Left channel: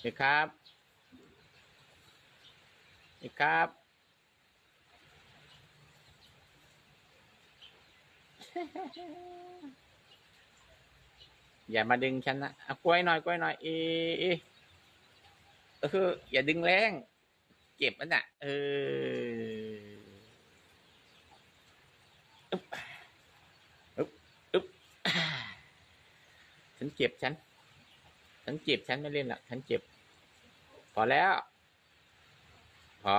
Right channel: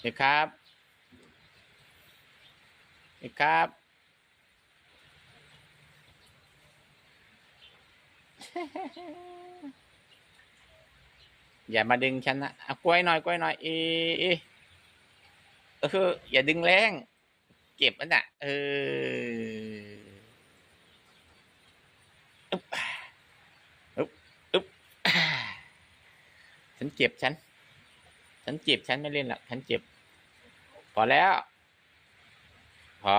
เอกครับเอกครับ อย่ามาดึงฉันนะเอากล้วยหน่อยกล้วยหน่อยเอเอเอออย่าดึงแรง เก็บมันน่ะ เอออึ๊บอึ๊บอึ๊บฉันเจ็บฉัน ฉันเจ็บฉันไม่เล่นหรอกฉันเจ็บ พอแล้ว พอ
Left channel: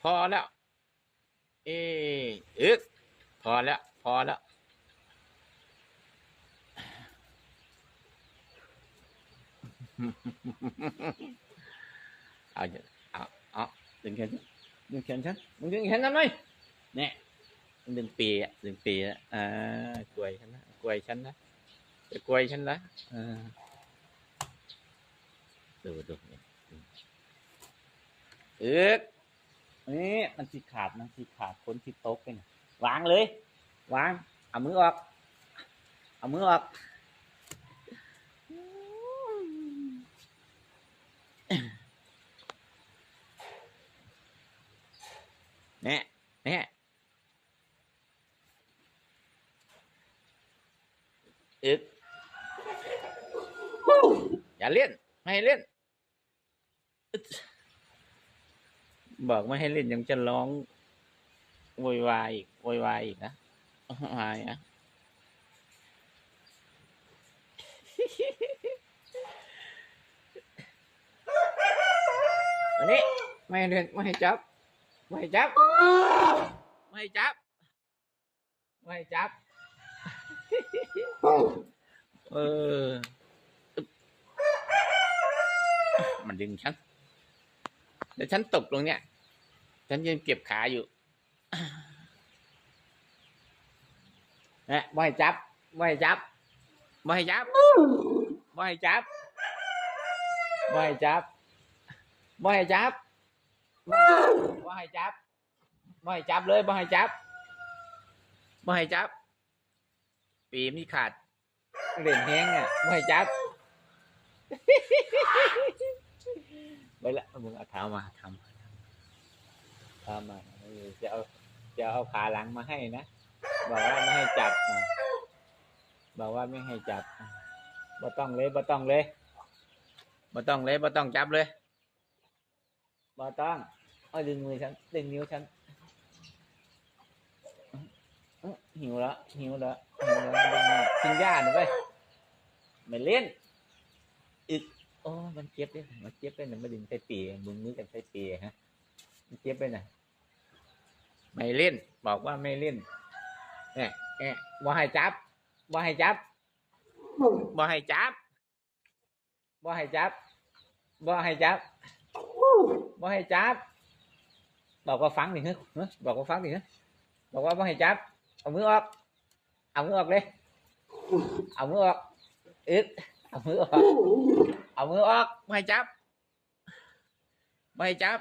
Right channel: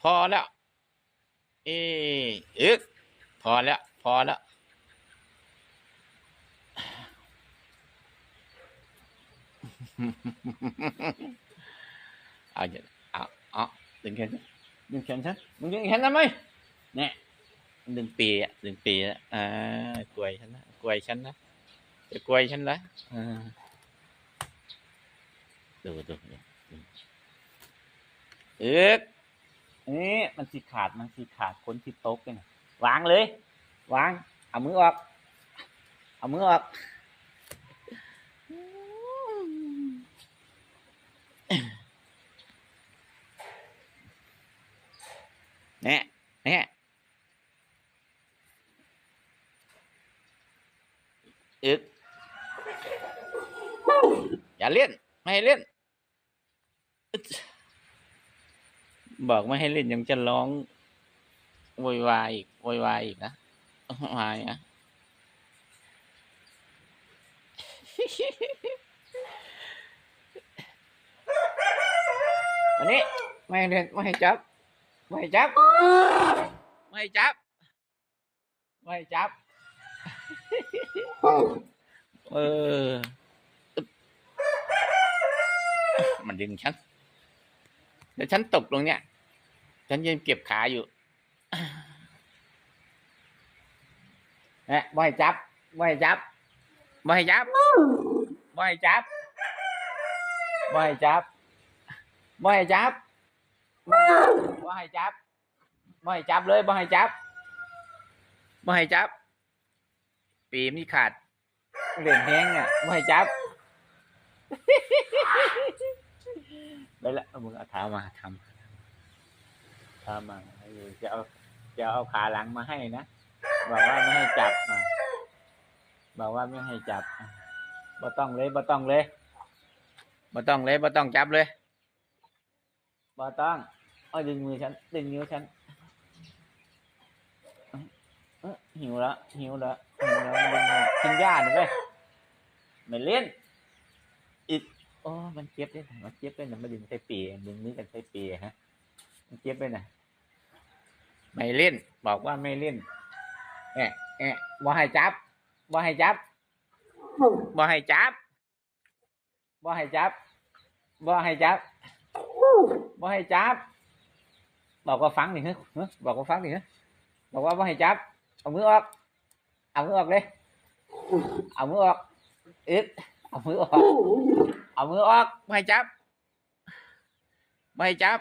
พอแล้ว เอออึกพอแล้ว พอแล้วเอาอย่าเอาเอาดึงแขนฉันดึงแขนฉันมึงดึงแขนทำไมเนี่ยดึงปีอะดึงปีอะอ่ากลวยฉันนะกลวยฉันนะ จะกลวยฉันนะดูดูเอ๊กนี่มันสีขาดมันสีขาดคนที่โต๊ะกันวางเลยวาง เอามือออก เอามือออก nè nè ướt อ ย่าเล่น ไม่ให้เล่นอึ๊ดบอกไม่ให้เล่นยังจะร้องโวยวายอีกโวยวายอีกนะวายอะอันนี้ไม่ให้เล่นไม่ให้จับ ไม่ให้จับ ไม่ให้จับ ไม่ให้จับ เอออึ๊บ มันดึงฉันเดี๋ยวฉันตกลงเนี่ย ฉันยังเก็บขาอยู่นะบ่ให้จับไม่ให้จับไม่ให้จับไม่ให้จับไม่ให้จับไม่ให้จับบ่ให้จับบ่ให้จับเลยบ่ให้จับบ่ให้จับ ปีมีขาดเหรียญแห้งเนี่ยบ่ให้จับ ไปละมึงเอาเท้ามาทำเท้ามาจะเอาจะเอาขาหลังมาให้นะบอกว่าไม่ให้จับมาบอกว่าไม่ให้จับบ่ต้องเลยบ่ต้องเลยบ่ต้องเลยบ่ต้องจับเลยบ่ต้องเอ้ดึงมือฉันดึงนิ้วฉันเอ้ยหิวแล้วหิวแล้วหิวแล้วมือกินหญ้าหน่อยไปไม่เล่นอีก โอ้มันเจ็บเลยมันเจ็บเลยนะมาดึงใส่ปีดึงมือกันใส่ปีฮะ มันเจ็บเลยนะไม่เล่น บอกว่าไม่เล่นแอะแอะบ่ให้จับบ่ให้จับบ่ให้จับบ่ให้จับบ่ให้จับบ่ให้จับ บอกว่าฟังดิฮะบอกว่าฟังดิฮะบอกว่าไม่ให้จับ เอามือออก เอามือออกเลย เอามือออก อึด เอามือออกเอามือออกไม่ให้จับไม่ให้จั